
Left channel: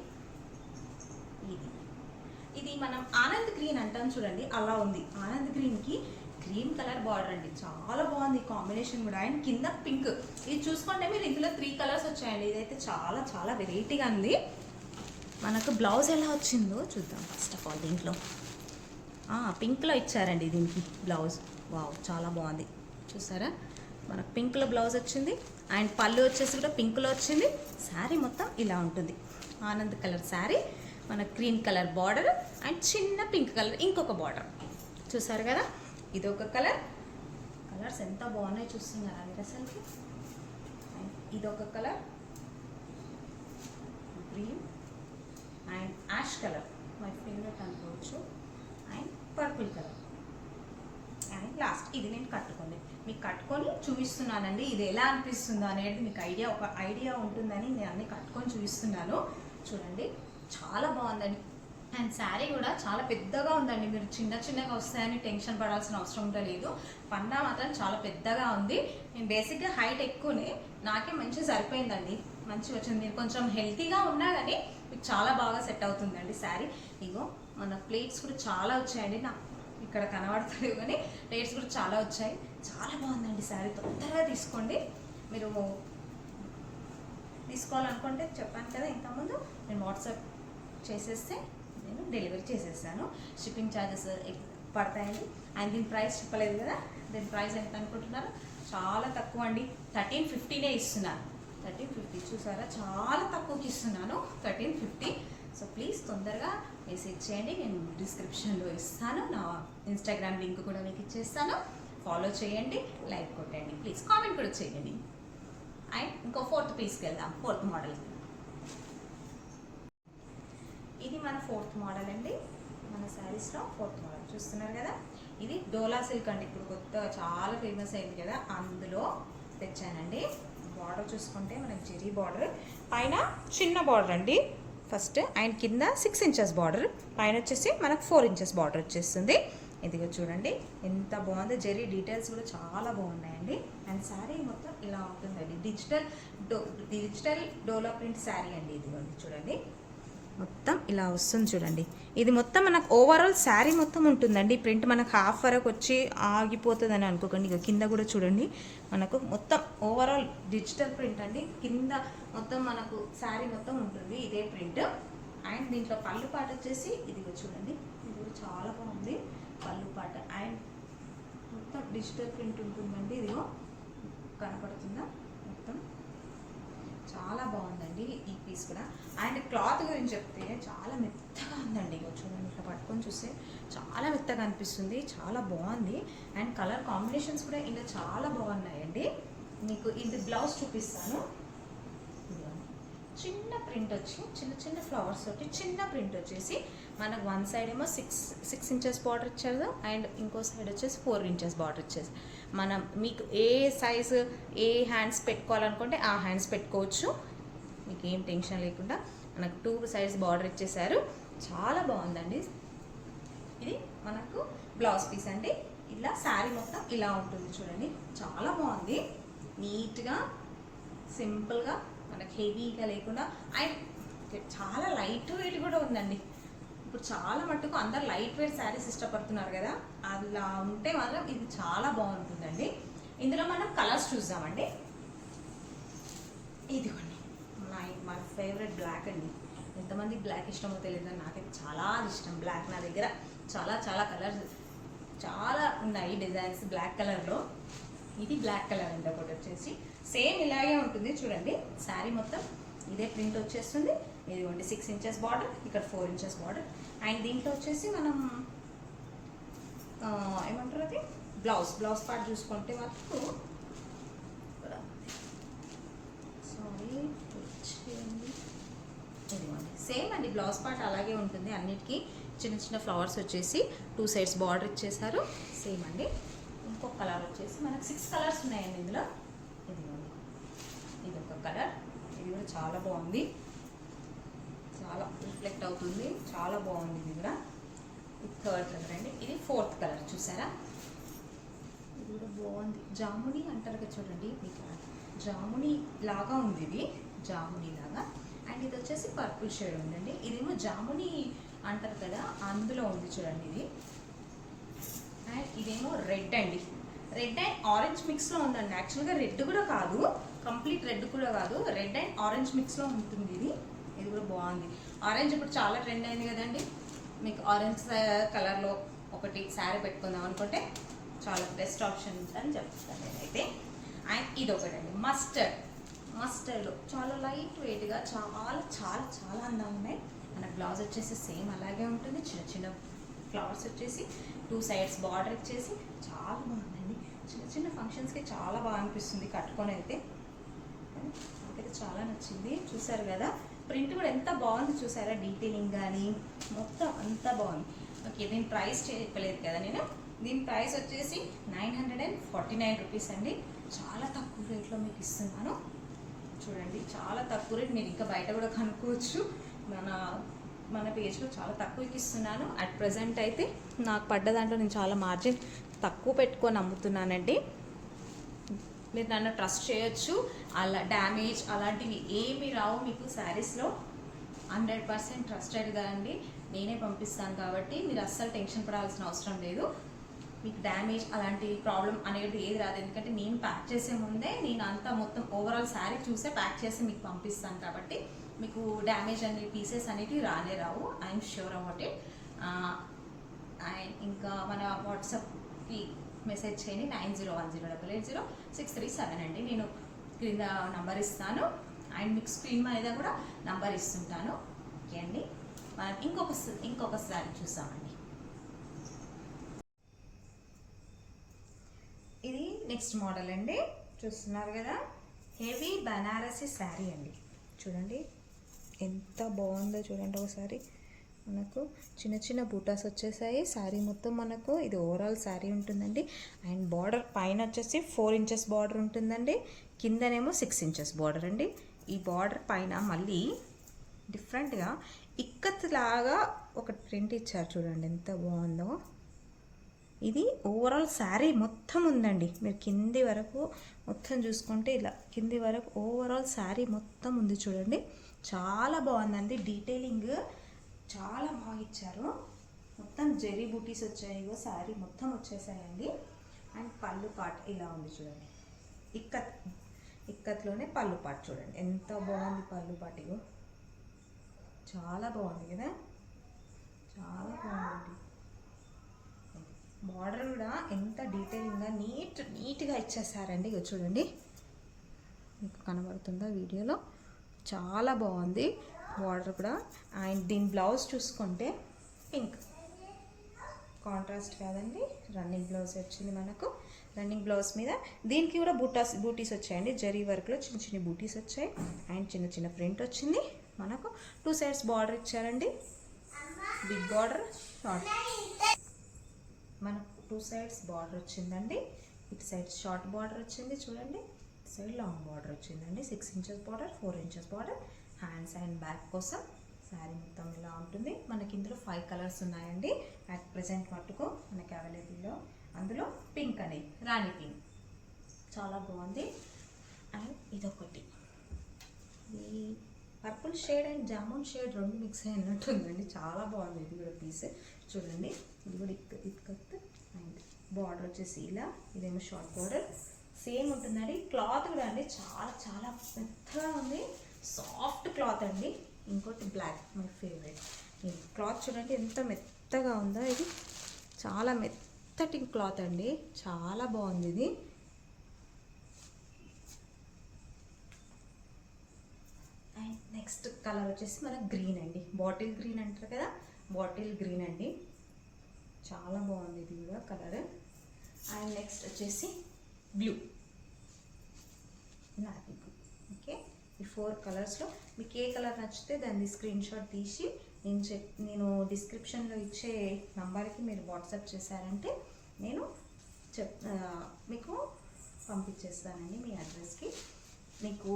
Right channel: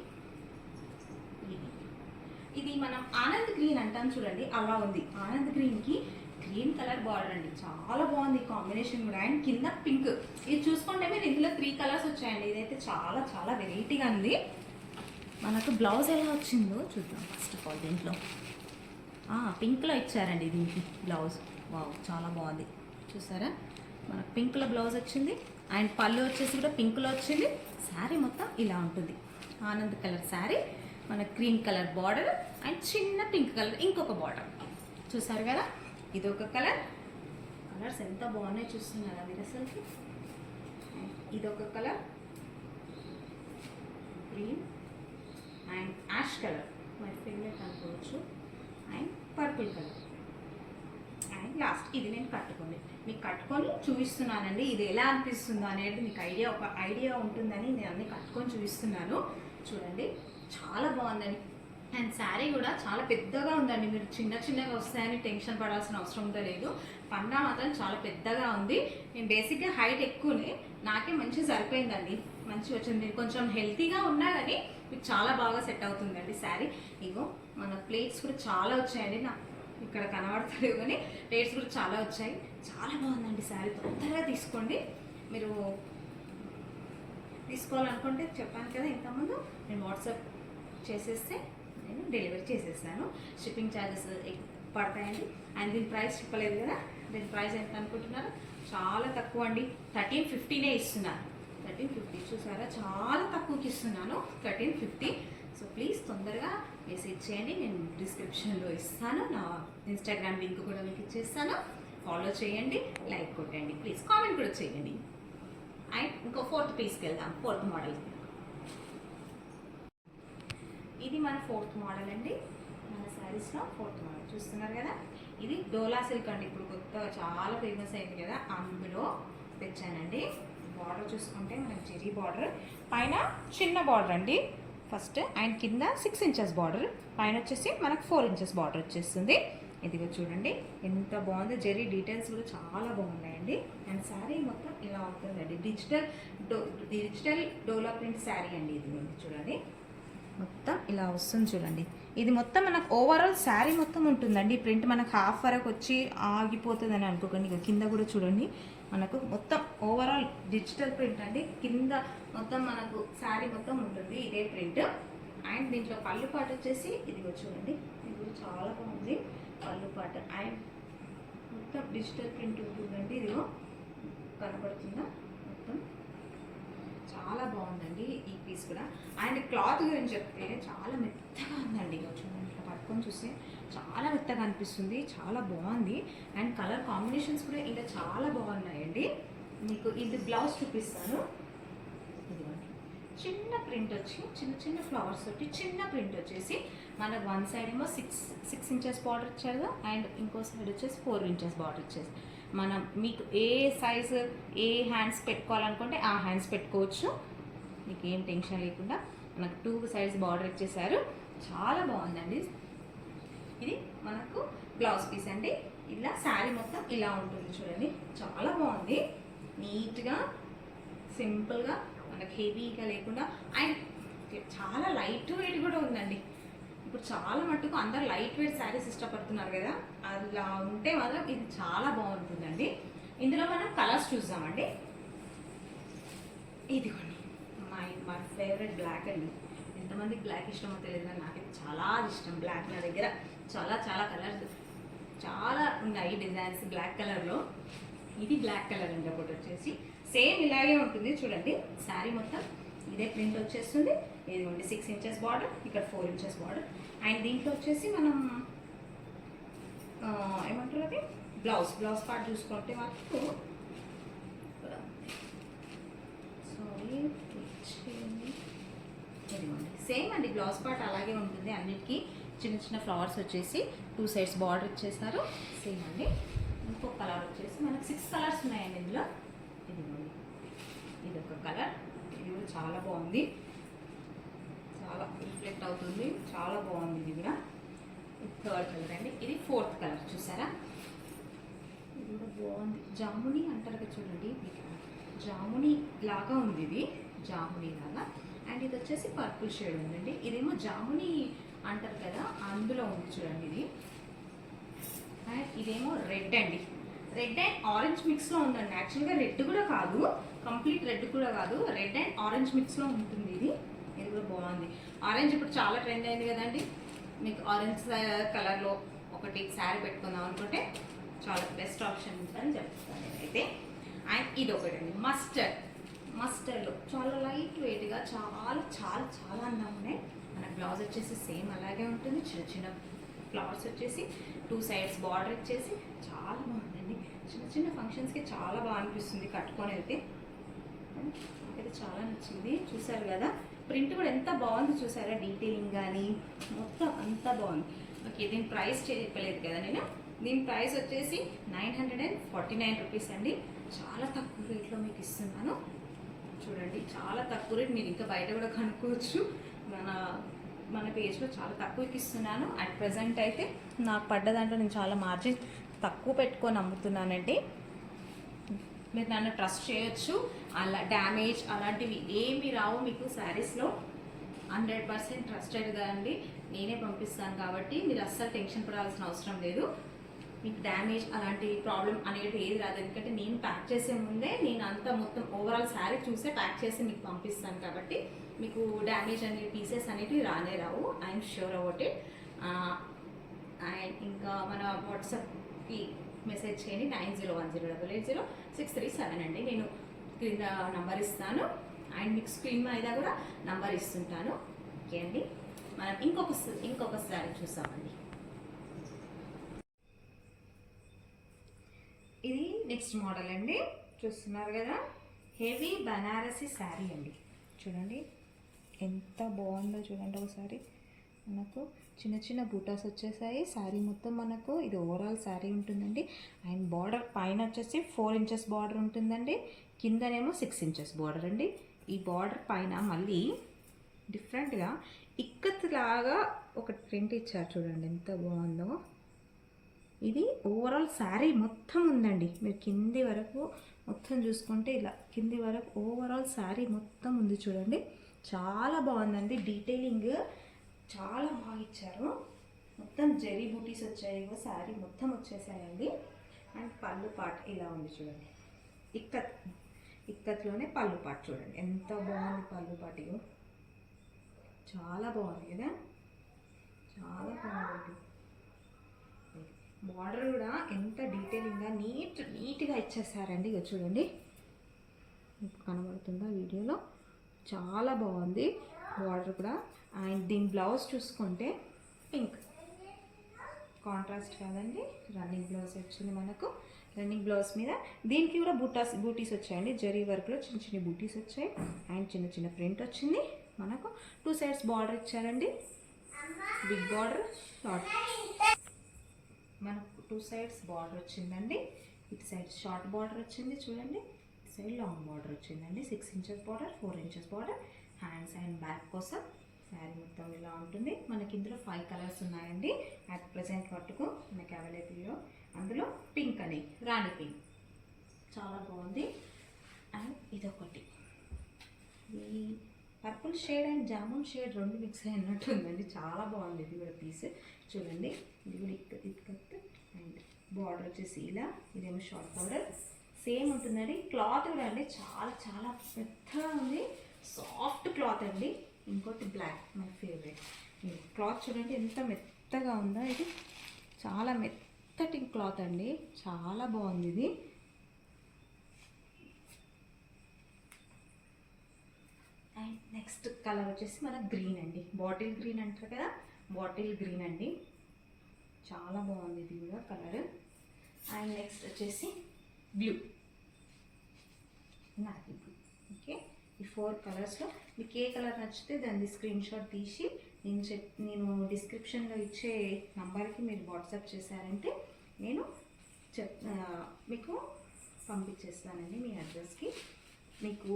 ఇది మనం ఆనంద్ గ్రీన్ అంటాం చూడండి, అలా ఉంది. ఆనంద్ గ్రీన్కి గ్రీన్ కలర్ బార్డర్ అండి. చాలా బాగుంది కాంబినేషన్ కూడా. అండ్ కింద పింక్. ఇది చూసుకుంటే మీరు ఇందులో 3 కలర్స్ వచ్చాయండి. ఇదైతే చాలా చాలా వెరైటీగా ఉంది. మనకు బ్లౌజ్ ఎలా వచ్చిందో చూద్దాం ఫస్ట్ ఆఫ్ ఆల్. దీంట్లో పింక్లో ఇచ్చారండి దీనికి బ్లౌజ్. వావ్ చాలా బాగుంది చూసారా. మనకు పింక్లో బ్లౌజ్ వచ్చింది అండ్ పళ్ళు వచ్చేసి కూడా పింక్లో వచ్చింది. శారీ మొత్తం ఇలా ఉంటుంది. ఆనంద్ కలర్ శారీ, మన గ్రీన్ కలర్ బార్డర్ అండ్ చిన్న పింక్ కలర్ ఇంకొక బార్డర్. చూసారు కదా, ఇది ఒక కలర్. కలర్స్ ఎంత బాగున్నాయి చూస్తున్నారా మీరు అసలుకి. ఇదొక colour green and ash colour, my favourite అనుకోవచ్చు. And purple colour and last ఇది నేను మీకు కట్టుకొని చూపిస్తున్నానండి. ఇది ఎలా అనిపిస్తుందో అనేది మీకు ఒక ఐడియా ఉంటుందని నేను అన్ని కట్టుకొని చూపిస్తున్నాను. చూడండి చాలా బాగుందండి. అండ్ శారీ కూడా చాలా పెద్దగా ఉందండి. మీరు చిన్నగా వస్తాయని టెన్షన్ పడాల్సిన అవసరం కూడా లేదు. పండా మాత్రం చాలా పెద్దగా ఉంది. నేను బేసిక్గా హైట్ ఎక్కువనే, నాకే మంచిగా సరిపోయిందండి. మంచిగా వచ్చింది. మీరు కొంచెం హెల్తీగా ఉన్నా కానీ మీకు చాలా బాగా సెట్ అవుతుందండి శారీ. ఇగో మన ప్లేట్స్ కూడా చాలా వచ్చాయండి. నాకు ఇక్కడ కనబడతలేవు కానీ ప్లేట్స్ కూడా చాలా వచ్చాయి. చాలా బాగుందండి శారీ. తొందరగా తీసుకోండి. మీరు తీసుకోవాలనుకుంటే చెప్పాను కదా ఇంతకుముందు, నేను వాట్సాప్ చేసేస్తే నేను డెలివరీ చేసేస్తాను. షిప్పింగ్ ఛార్జెస్ పడతాయండి. అండ్ దీని ప్రైస్ చెప్పలేదు కదా, దీని ప్రైస్ ఎంత అనుకుంటున్నారు? చాలా తక్కువ అండి. 1350 ఇస్తున్నాను. 1350 చూసారా, చాలా తక్కువకి ఇస్తున్నాను 1350. సో ప్లీజ్ తొందరగా మెసేజ్ చేయండి. నేను డిస్క్రిప్షన్లో ఇస్తాను. నా ఇన్స్టాగ్రామ్ లింక్ కూడా మీకు ఇచ్చేస్తాను. ఫాలో చేయండి, లైక్ కొట్టండి, ప్లీజ్ కామెంట్ కూడా చేయండి. అండ్ ఇంకో 4th పీస్కి వెళ్దాం. 4th model. ఇది మన 4th మోడల్ అండి. మన శారీస్లో 4th మోడల్ చూస్తున్నారు కదా. ఇది డోలా సిల్క్ అండి. ఇప్పుడు కొత్తగా చాలా ఫేమస్ అయింది కదా, అందులో తెచ్చానండి. బార్డర్ చూసుకుంటే మనకి జెరీ బార్డర్, పైన చిన్న బార్డర్ అండి ఫస్ట్, అండ్ కింద 6 ఇంచెస్ బార్డర్, పైన వచ్చేసి మనకు 4 ఇంచెస్ బార్డర్ వచ్చేస్తుంది. ఇదిగో చూడండి ఎంత బాగుంది. జెరీ డీటెయిల్స్ కూడా చాలా బాగున్నాయండి. అండ్ శారీ మొత్తం ఇలా ఉంటుందండి. డిజిటల్ డోలా ప్రింట్ శారీ అండి. ఇది చూడండి మొత్తం ఇలా వస్తుంది చూడండి. ఇది మొత్తం మనకు ఓవరాల్ శారీ మొత్తం ఉంటుందండి. ప్రింట్ మనకు హాఫ్ వరకు వచ్చి ఆగిపోతుంది అని అనుకోకండి. ఇక కింద కూడా చూడండి మనకు మొత్తం ఓవరాల్ డిజిటల్ ప్రింట్ అండి. కింద మొత్తం మనకు శారీ మొత్తం ఉంటుంది ఇదే ప్రింట్. అండ్ దీంట్లో పళ్ళు పాట వచ్చేసి ఇదిగో చూడండి, ఇది కూడా చాలా బాగుంది పళ్ళు పాట. అండ్ మొత్తం డిజిటల్ ప్రింట్ ఉంటుందండి. ఇదిగో కనపడుతుందా, మొత్తం చాలా బాగుందండి ఈ పీస్ కూడా. అండ్ క్లాత్ గురించి చెప్తే చాలా మెత్తగా ఉందండి. ఇక చూడండి, ఇట్లా పట్టుకొని చూస్తే చాలా మెత్తగా అనిపిస్తుంది. చాలా బాగుంది. అండ్ కలర్ కాంబినేషన్స్ కూడా ఇలా చాలా బాగున్నాయండి. మీకు ఇది బ్లౌజ్ చూపిస్తాను. చిన్న ప్రింట్ వచ్చి చిన్న ఫ్లవర్స్ తోటి చిన్న ప్రింట్ వచ్చేసి మనకు వన్ సైడ్ ఏమో 6 ఇంచెస్ బార్డర్ ఇచ్చారు అండ్ ఇంకో సైడ్ వచ్చేసి 4 ఇంచెస్ బార్డర్ వచ్చేసి. మనం మీకు ఏ సైజు ఏ హ్యాండ్స్ పెట్టుకోవాలనుకుంటే ఆ హ్యాండ్స్ పెట్టుకోవచ్చు. మీకు ఏం టెన్షన్ లేకుండా మనకు 2 సైడ్స్ బార్డర్ ఇచ్చేసారు. చాలా బాగుందండి. ఇది మనకు బ్లౌజ్ పీస్ అండి. ఇలా శారీ మొత్తం ఇలా ఉంటుంది చూడండి. చాలా బాగుంది, నీట్గా సింపుల్గా, మనకు హెవీగా లేకుండా. అండ్ చాలా లైట్ వెయిట్ కూడా ఉందండి. ఇప్పుడు చాలా మట్టుకు అందరు లైట్ వెయిట్ శారీస్ ఇష్టపడుతున్నారు కదా, అలా ఉంటే మాత్రం ఇది చాలా బాగుంటుందండి. ఇందులో మనం కలర్స్ చూద్దామండి. ఇదిగోండి మై ఫేవరెట్ బ్లాక్ అండి. ఎంతమందికి బ్లాక్ ఇష్టమో తెలియదు, నాకైతే చాలా ఇష్టం బ్లాక్. నా దగ్గర చాలా చాలా కలర్స్ చాలా ఉన్నాయి డిజైన్స్ బ్లాక్ కలర్లో. ఇది బ్లాక్ కలర్ అండి. ఒకటి వచ్చేసి సేమ్ ఇలాగే ఉంటుంది చూడండి. శారీ మొత్తం ఇదే ప్రింట్ వచ్చేస్తుంది. ఇదిగోండి 6 ఇంచెస్ బార్డర్, ఇక్కడ 4 ఇంచెస్ బార్డర్. అండ్ దీంట్లో వచ్చేసి మనం ఏమంటారు అది బ్లౌజ్ పార్ట్ చూసుకుంటే మాకు సేమ్ అండి. బ్లౌజ్ పార్ట్ అలాగే ఉంటుంది. అన్నిటికీ చిన్న చిన్న ఫ్లవర్స్ వచ్చేసి 2 సైడ్స్ బార్డర్ ఇచ్చేసారు. సేమ్ అండి. ఇంకొక కలర్ వచ్చేసి మనకు 6 కలర్స్ ఉన్నాయండి ఇందులో. ఇదిగోండి ఇది ఒక కలర్, ఇది కూడా చాలా బాగుంది, చాలా రిఫ్లెక్ట్ అవుతుంది, చాలా బాగుంది. ఇది కూడా థర్డ్ కలర్ అండి. ఇది 4th కలర్ చూసారా, ఇది కూడా బాగుంది. జాముని అంటారు కదా చూడండి, మీకు జాముని లాగా ఉంది, ఇది జాముని లాగా. అండ్ ఇది వచ్చేసి పర్పుల్ షేడ్ ఉందండి. ఇదేమో జాముని అంటారు కదా అందులో ఉంది చూడండి ఇది. అండ్ ఇదేమో రెడ్ అండి. రెడ్ అండ్ ఆరెంజ్ మిక్స్లో ఉందండి. యాక్చువల్గా రెడ్ కూడా కాదు, కంప్లీట్ రెడ్ కూడా కాదు, రెడ్ అండ్ ఆరెంజ్ మిక్స్లో ఉంటుంది ఇది. ఇది కూడా బాగుంది. ఆరెంజ్ ఇప్పుడు చాలా ట్రెండ్ అయింది కదండి. మీకు ఆరెంజ్ కలర్లో ఒకటి శారీ పెట్టుకుందాం అనుకుంటే చాలా బెస్ట్ ఆప్షన్ ఉంటుందని చెప్తాను నేనైతే. అండ్ ఇది ఒకటండి మస్టర్డ్లో చాలా లైట్ వెయిట్గా చాలా చాలా చాలా అందంగా ఉన్నాయి. మన బ్లౌజ్ వచ్చేసి సేమ్ అలాగే ఉంటుంది. చిన్న చిన్న ఫ్లవర్స్ వచ్చేసి 2 సైడ్స్ బార్డర్ ఇచ్చేసి చాలా బాగుందండి. చిన్న చిన్న ఫంక్షన్స్కి చాలా బాగా అనిపిస్తుంది కట్టుకొని అయితే. నాకైతే చాలా నచ్చింది. చూసారు కదా ప్రింట్ కూడా ఎంత బాగుంది చూసారా, డీటెయిలింగ్ కానీ మొత్తం అంతా బాగుంది. ఓకే, దీని ప్రైస్ చెప్పలేదు కదా నేను. దీని ప్రైస్ వచ్చేసి 949 రూపీస్ అండి. చాలా తక్కువ రేట్లో మీకు ఇస్తున్నాను చూడండి. చాలా తక్కువ రేట్, మీరు ఇంకా బయట కూడా కనుక్కోవచ్చు. మన పేజ్లో చాలా తక్కువకి ఇస్తున్నాను. అట్ ప్రజెంట్ అయితే నాకు పడ్డ దాంట్లో నేను చాలా మార్జిన్ తక్కువ పెట్టుకొని అమ్ముతున్నానండి. మీరు నన్ను ట్రస్ట్ చేయొచ్చు. అలా డ్యామేజ్ అలాంటివి ఏమి రావు మీకు శారీస్లో. 100% ట్రస్టెడ్గా అండి, నేనే పంపిస్తాను కాబట్టి మీరు అస్సలు టెన్షన్ పడాల్సిన అవసరం లేదు. మీకు డ్యామేజ్ అలాంటి ప్రాబ్లం అనేది ఏది రాదు. ఎందుకంటే నేను ప్యాక్ చేసే ముందే నేను అంతా మొత్తం ఓవరాల్ శారీ చూసే ప్యాక్ చేసి మీకు పంపిస్తాను కాబట్టి మీకు డ్యామేజ్ అనే పీసెస్ అనేవి రానే రావు. I'm sure about it. And ఇంకా మన వాట్సాప్కి మెసేజ్ చేయండి 9010880637 అండి. నేను క్రింద నంబర్ ఇస్తాను అండ్ మీకు స్క్రీన్ మీద కూడా నంబర్ ఇస్తుంటాను. ఓకే అండి, మనం ఇంకొక శారీ చూసామండి. ఇది నెక్స్ట్ మోడల్ అండి. చూస్తున్నారు కదా, హెవీ బనారసి శారీ అండి. చూడండి ఎంత బాగుందో చూడండి. ఒకసారి మనకు చిన్న చిన్న బూటాస్ వచ్చేసాయి. శారీ మొత్తం మనకు ఇది ఓవరాల్ శారీ ఉంటుందండి. అండ్ బార్డర్ పైన వచ్చేసి 4 ఇంచెస్ బార్డర్ ఉంటుందండి, కిందనేమో 6 ఇంచెస్ బార్డర్ అండి. ఈ బార్డర్ పైన మళ్ళీ డిఫరెంట్గా ఇక్కత్ లాగా ఒక ప్రింట్ ఇచ్చారు చూడండి, ఎంత బాగుందో. ఇది ఓవరాల్ శారీ మొత్తం ఉందండి. మీరు కింది వరకు మొత్తం చూసుకుంటే ఇలా కింది వరకు ఓవరాల్ శారీ మొత్తం ఉంది చూడండి. చాలా బాగుందండి. డీటెయిలింగ్ చాలా బాగా ఇచ్చారు. మొత్తం జరీ బూటీస్ వచ్చాయి, శారీ మొత్తం వచ్చేసాయండి. అండ్ పళ్ళు పార్ట్ ఇలా ఉంది చూడండి. ఇక్కత్లోనే పళ్ళు పార్ట్ చూడండి ఎంత బాగుంది. పళ్ళు పార్ట్ ఇగో చాలా బాగుంది కదా, చాలా బాగుంది. బార్డర్ కూడా ఎంత డీటెయిలింగ్గా నీట్గా ఇచ్చేసారండి. ఇక చూడండి, మీకు కనబడుతుందా వీడియోలో, చాలా బాగుంది బార్డర్ కూడా. అండ్ దీని బ్లౌజ్ చూసుకుంటే పింక్ కాంట్రాస్ట్ కాదండి, రన్నింగ్ బ్లౌజ్ వచ్చింది మనకు. రన్నింగ్ బ్లౌజ్ మీద దీనికి కూడా బూటీస్ వచ్చాయండి. జరీ వర్క్లో చిన్న చిన్న బూటీస్ వచ్చాయి. అండ్ చిన్న చిన్న ప్రింట్ వచ్చింది మనకు. 2 సైడ్స్ బార్డర్ ఇచ్చారండి, బిగ్ బార్డర్ షార్ట్. మనకు 2 సైడ్స్ బార్డర్ వచ్చిందండి. ఇటు సైడ్ షార్ట్ బార్డర్ వచ్చింది చూడండి, ఇటు సైడ్ లాంగ్ బార్డర్ వచ్చిందండి. 6 inches border, 4 inches border. Hands and back కోసం శారీ మొత్తం ఇలా ఉంటుంది. మనకి ఇందులో 5 కలర్స్ ఉన్నాయండి అట్ ప్రజెంట్ మట్టుకు మనకి అవైలబుల్లో. అందులో పింక్ అని రాణి పింక్ చాలా బాగుంది. అండ్ ఇదొకటి purple shade and jamun shade రెండు మిక్స్ అయినట్టు ఉందండి. చాలా బాగుంది ఇది కూడా పీస్. చూడండి ఇది కూడా ఇక్కత్ అండ్ బార్డర్ వచ్చేసి ఇలా, ఇదేమో షార్ట్ బార్డర్ సేమ్ ఉంటుందండి. క్లాత్ కూడా అండి చాలా చాలా మెత్తగా ఉంది, సాఫ్ట్ క్లాత్ అండి. ఇంకోటి బ్లాక్ మన ఫేవరెట్. క్లాత్ చూడండి ఎంత మెత్తగా ఉందో, ఇది చాలా మెత్తటి క్లాత్ అండి, చాలా బాగుంది ఇది. అండ్ నెక్స్ట్ కలర్ వచ్చేసి మన గ్రీన్ అండి, బాటిల్ గ్రీన్ అంటారు కదా, బాటిల్ గ్రీన్ అండి, చాలా బాగుంది ఇది కూడా కలర్. అండ్ నెక్స్ట్ వచ్చేసి బ్లూ, నావీ బ్లూ. ఓకే, ఈ 4 కలర్స్లో మీకు ఏ కలర్ నచ్చితే దాన్ని స్క్రీన్ షాట్ తీసి నేను డిస్క్రిప్షన్లో ఇచ్చే నంబర్కి మీరు వాట్సాప్ చేశారంటే నేను మీకు పంపించేస్తానండి మీ అడ్రస్కి. మీకు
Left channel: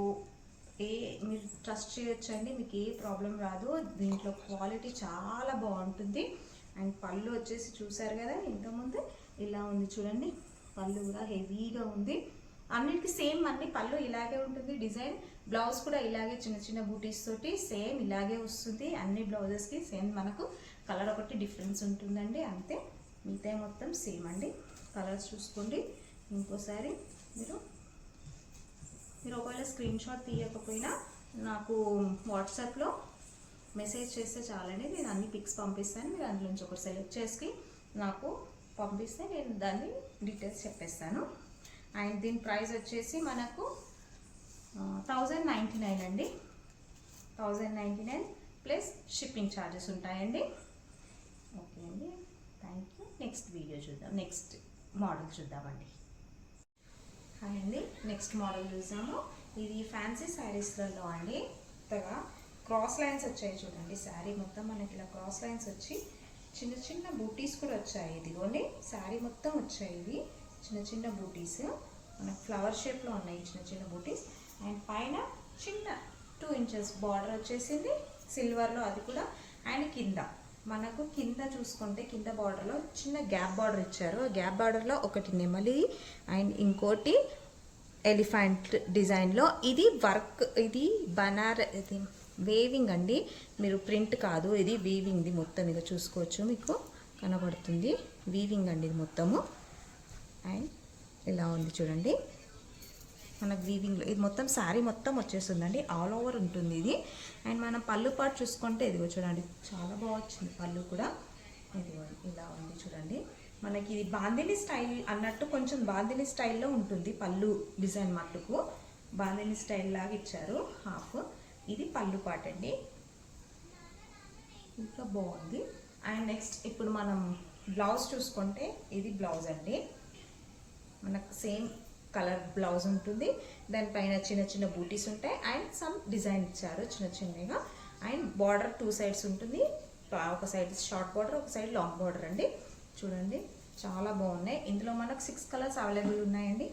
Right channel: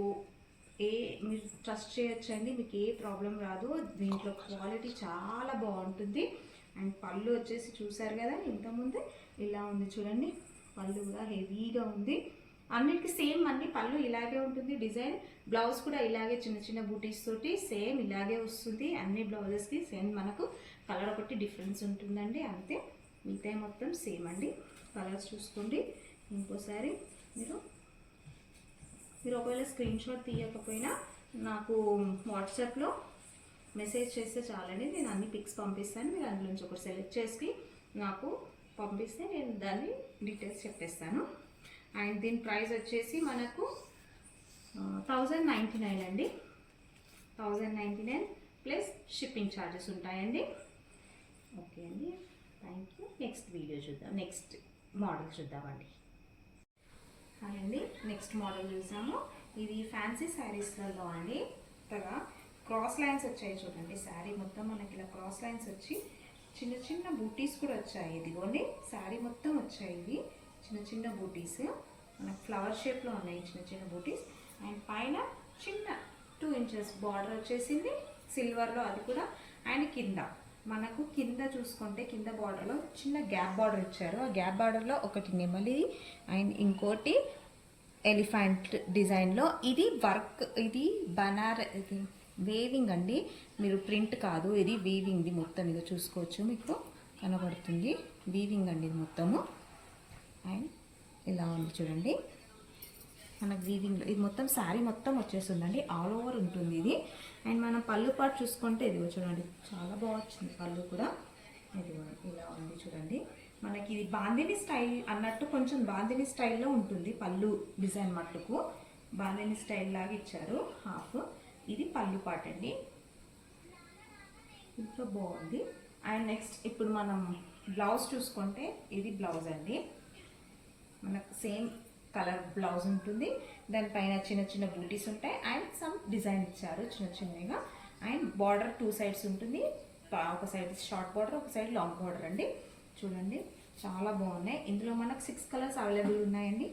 మీరు ట్రస్ట్ చేయొచ్చండి, మీకు ఏ ప్రాబ్లం రాదు. దీంట్లో క్వాలిటీ చాలా బాగుంటుంది. అండ్ పళ్ళు వచ్చేసి చూసారు కదా ఇంతకుముందే ఇలా ఉంది చూడండి, పళ్ళు కూడా హెవీగా ఉంది. అన్నిటికీ సేమ్ అన్ని పళ్ళు ఇలాగే ఉంటుంది డిజైన్. బ్లౌజ్ కూడా ఇలాగే చిన్న చిన్న బూటీస్ తోటి సేమ్ ఇలాగే వస్తుంది. అన్ని బ్లౌజెస్కి సేమ్, మనకు కలర్ ఒకటి డిఫరెన్స్ ఉంటుందండి అంతే, మిగతా మొత్తం సేమ్ అండి. కలర్స్ చూసుకోండి ఇంకోసారి. మీరు ఒకవేళ స్క్రీన్ షాట్ తీయకపోయినా నాకు వాట్సాప్లో మెసేజ్ చేస్తే చాలండి, నేను అన్ని పిక్స్ పంపిస్తాను. మీరు అందులో నుంచి ఒకటి సెలెక్ట్ చేసి నాకు పంపిస్తే నేను దాన్ని డీటెయిల్స్ చెప్పేస్తాను. అండ్ దీని ప్రైస్ వచ్చేసి మనకు 1099 అండి, 1099 ప్లస్ షిప్పింగ్ ఛార్జెస్ ఉంటాయండి. ఓకే అండి, థ్యాంక్ యూ. నెక్స్ట్ వీడియో చూద్దాం, నెక్స్ట్ మోడల్ చూద్దామండి. హాయ్ అండి, నెక్స్ట్ మోడల్ చూసాము. ఇది ఫ్యాన్సీ శారీస్లలో అండి, కొత్తగా క్రాస్ లైన్స్ వచ్చాయి చూడండి. శారీ మొత్తం మనకి ఇలా క్రాస్ లైన్స్ వచ్చి చిన్న చిన్న బూటీస్ కూడా వచ్చాయి. ఇదిగోండి శారీ మొత్తం వచ్చాయి ఇవి చిన్న చిన్న బూటీస్, మనకు ఫ్లవర్ షేప్లో ఉన్నాయి చిన్న చిన్న బూటీస్. అండ్ పైన చిన్న 2 ఇంచెస్ బార్డర్ వచ్చేసింది సిల్వర్లో, అది కూడా. అండ్ మనకు కింద చూసుకుంటే కింద బార్డర్లో చిన్న గ్యాప్ బార్డర్ ఇచ్చారు. ఆ గ్యాప్ బార్డర్లో ఒకటి నెమలి అండ్ ఇంకోటి ఎలిఫెంట్ డిజైన్లో. ఇది వర్క్, ఇది ఇది వేవింగ్ అండి, మీరు ప్రింట్ కాదు, ఇది వీవింగ్ది మొత్తం. ఇక చూసుకోవచ్చు, మీకు కనబడుతుంది వీవింగ్ అండి ఇది మొత్తము. అండ్ ఇలా ఉంది చూడండి, మన వీవింగ్లో ఇది మొత్తం శారీ మొత్తం వచ్చేస్తుందండి, ఆల్ ఓవర్ ఉంటుంది ఇది. అండ్ మనం పళ్ళు పాటు చూసుకుంటే ఇదిగో చూడండి, చాలా బాగా వచ్చింది పళ్ళు కూడా. ఇలా ఉంది చూడండి, మనకి ఇది బాందిని స్టైల్ అన్నట్టు, కొంచెం బాందిని స్టైల్లో ఉంటుంది పళ్ళు డిజైన్. మట్టుకు బాందిని స్టైల్ లాగా ఇచ్చారు హాఫ్. ఇది పళ్ళు పాట అండి, ఇంకా బాగుంది. అండ్ నెక్స్ట్ ఇప్పుడు మనం బ్లౌజ్ చూసుకుంటే ఇది బ్లౌజ్ అండి, మనకు సేమ్ కలర్ బ్లౌజ్ ఉంటుంది. దానిపైన చిన్న చిన్న బూటీస్ ఉంటాయి అండ్ సమ్ డిజైన్ ఇచ్చారు చిన్న చిన్నగా. అండ్ బార్డర్ 2 సైడ్స్ ఉంటుంది, ఒక సైడ్ షార్ట్ బార్డర్, ఒక సైడ్ లాంగ్ బార్డర్ అండి. చూడండి చాలా బాగున్నాయి. ఇందులో మనకు 6 కలర్స్ అవైలబుల్ ఉన్నాయండి.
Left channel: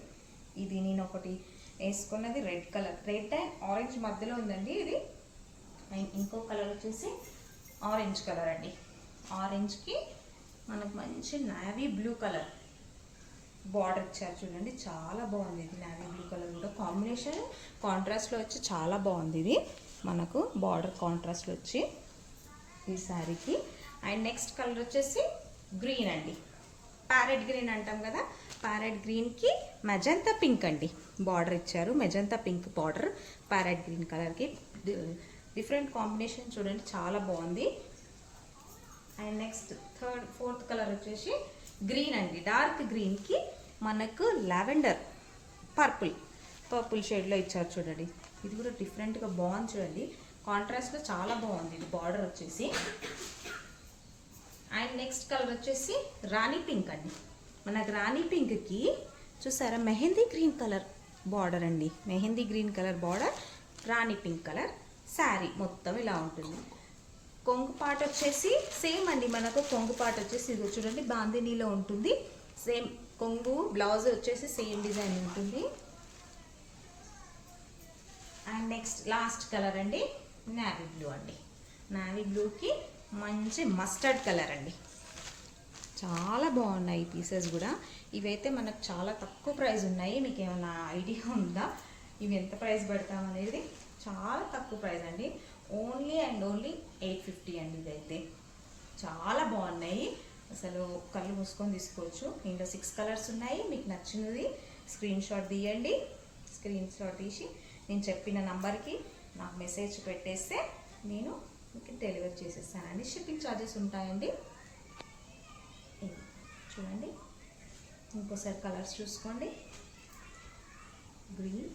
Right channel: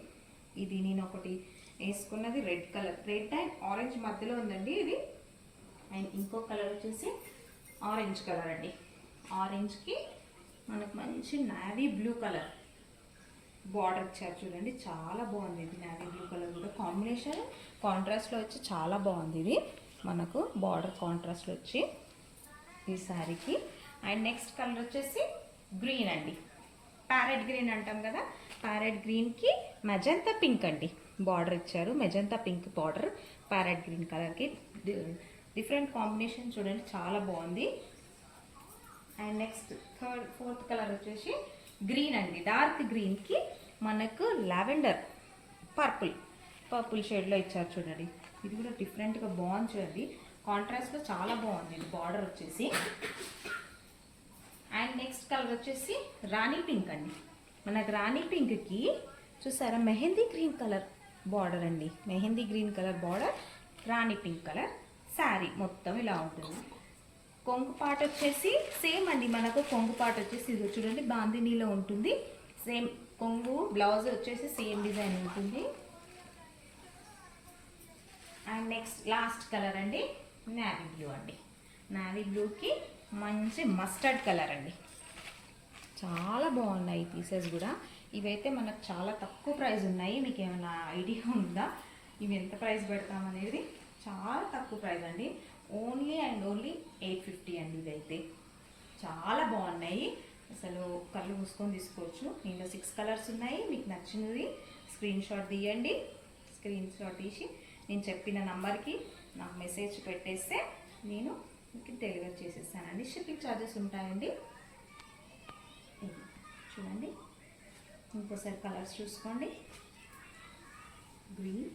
ఇది నేను ఒకటి వేసుకున్నది red colour, red and orange మధ్యలో ఉందండి ఇది. అండ్ ఇంకో కలర్ వచ్చేసి ఆరెంజ్ కలర్ అండి, ఆరెంజ్కి మనకు మంచి నావీ బ్లూ కలర్ బార్డర్ ఇచ్చారు చూడండి, చాలా బాగుంది ఇది. నావీ బ్లూ కలర్ కూడా కాంబినేషన్ కాంట్రాస్ట్లో వచ్చి చాలా బాగుంది ఇది, మనకు బార్డర్ కాంట్రాస్ట్లో వచ్చి ఈ శారీకి. అండ్ నెక్స్ట్ కలర్ వచ్చేసి గ్రీన్ అండి, ప్యారెట్ గ్రీన్ అంటాం కదా, ప్యారెట్ గ్రీన్కి మెజంతా పింక్ అండి బార్డర్ ఇచ్చారు. Magenta pink border parrot green కలర్కి డిఫరెంట్ కాంబినేషన్ చూడండి, చాలా బాగుంది. అండ్ నెక్స్ట్ ఫోర్త్ కలర్ వచ్చేసి గ్రీన్ అండి, డార్క్ గ్రీన్కి మనకు లావెండర్ పర్పుల్ షేడ్లో ఇచ్చారు చూడండి. ఇది కూడా డిఫరెంట్గా బాగుంది చూడండి, కాంట్రాస్ట్లో చాలా బాగుంది ఇది బార్డర్ వచ్చేసి. అండ్ నెక్స్ట్ కలర్ వచ్చేసి రాణి పింక్ అండి, మనకు రాణి పింక్కి చూసారా మెహందీ గ్రీన్ కలర్ బార్డర్ అండి, మెహందీ గ్రీన్ కలర్ బార్డర్, రాణి పింక్ కలర్ శారీ మొత్తం ఇలా ఉంటుంది. కొంగు పాట వచ్చేసి సేమ్ అండి, మనకు కొంగు పాట వచ్చేసి ఇది చూడండి బాందినీలో ఉంటుంది. సేమ్ కొంగు బ్లౌజ్ వచ్చేసి సేమ్ డిజైన్ ఉంటుంది. అండ్ నెక్స్ట్ లాస్ట్ కలర్ అండి నావీ బ్లూ అండి, నావీ బ్లూకి మంచి మస్టర్డ్ కలర్ అండి, చాలా బాగున్నాయి ఈ పీసెస్ కూడా. ఇవైతే మనకు చాలా తక్కువ ప్రైస్ ఉన్నాయి, మీకు ఏమైనా ఐడియా ఉందా ఇవి ఎంత ప్రైస్ పెడతాం అనేది చాలా తక్కువ ప్రైస్ అండి, ఓన్లీ అండ్ ఓన్లీ 850 అండి. ఇదైతే చాలా బాగున్నాయి, అసలు కళ్ళు మూసుకొని తీసుకోవచ్చు. ఇందులో 6 కలర్స్ ఉన్నాయి. మీకు నచ్చినది స్క్రీన్ షాట్ తీయండి. స్క్రీన్ షాట్ తీసి నేను చెప్పిన నంబర్కి నాకు మెసేజ్ పెట్టేస్తే నేను మీకు డెలివరీ చేసేస్తానండి. షిప్పింగ్ ఛార్జెస్ ఉంటాయండి. చూడండి, ఇంకోసారి కలర్స్ చూసుకోండి. గ్రీన్,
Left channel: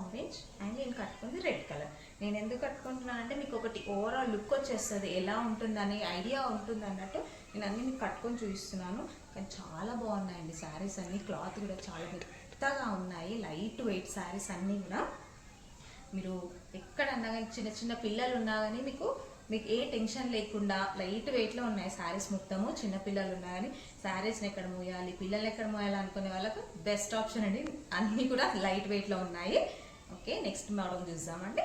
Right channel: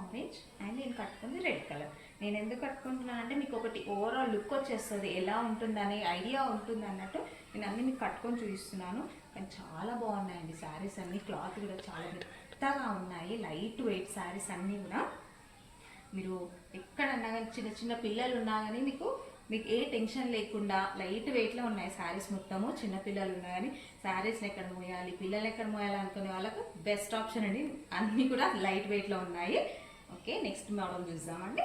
ఆరెంజ్ అండ్ నేను కట్టుకుంది రెడ్ కలర్. నేను ఎందుకు కట్టుకుంటున్నాను అంటే మీకు ఒకటి ఓవరాల్ లుక్ వచ్చేస్తుంది, ఎలా ఉంటుందనే ఐడియా ఉంటుంది అన్నట్టు నేను అన్నీ మీకు కట్టుకొని చూపిస్తున్నాను. కానీ చాలా బాగున్నాయండి శారీస్ అన్నీ. క్లాత్ కూడా చాలా మెత్తగా ఉన్నాయి, లైట్ వెయిట్ శారీస్ అన్నీ కూడా. మీరు ఎక్కడన్నా కానీ చిన్న చిన్న పిల్లలు ఉన్నా కానీ మీకు ఏ టెన్షన్ లేకుండా లైట్ వెయిట్లో ఉన్నాయి శారీస్ మొత్తము. చిన్న పిల్లలు ఉన్నా కానీ శారీస్ని ఎక్కడ మోయాలి, పిల్లలు ఎక్కడ మోయాలి అనుకునే వాళ్ళకు బెస్ట్ ఆప్షన్ అండి. అన్నీ కూడా లైట్ వెయిట్లో ఉన్నాయి. ఓకే, నెక్స్ట్ మోడల్ చూద్దామండి.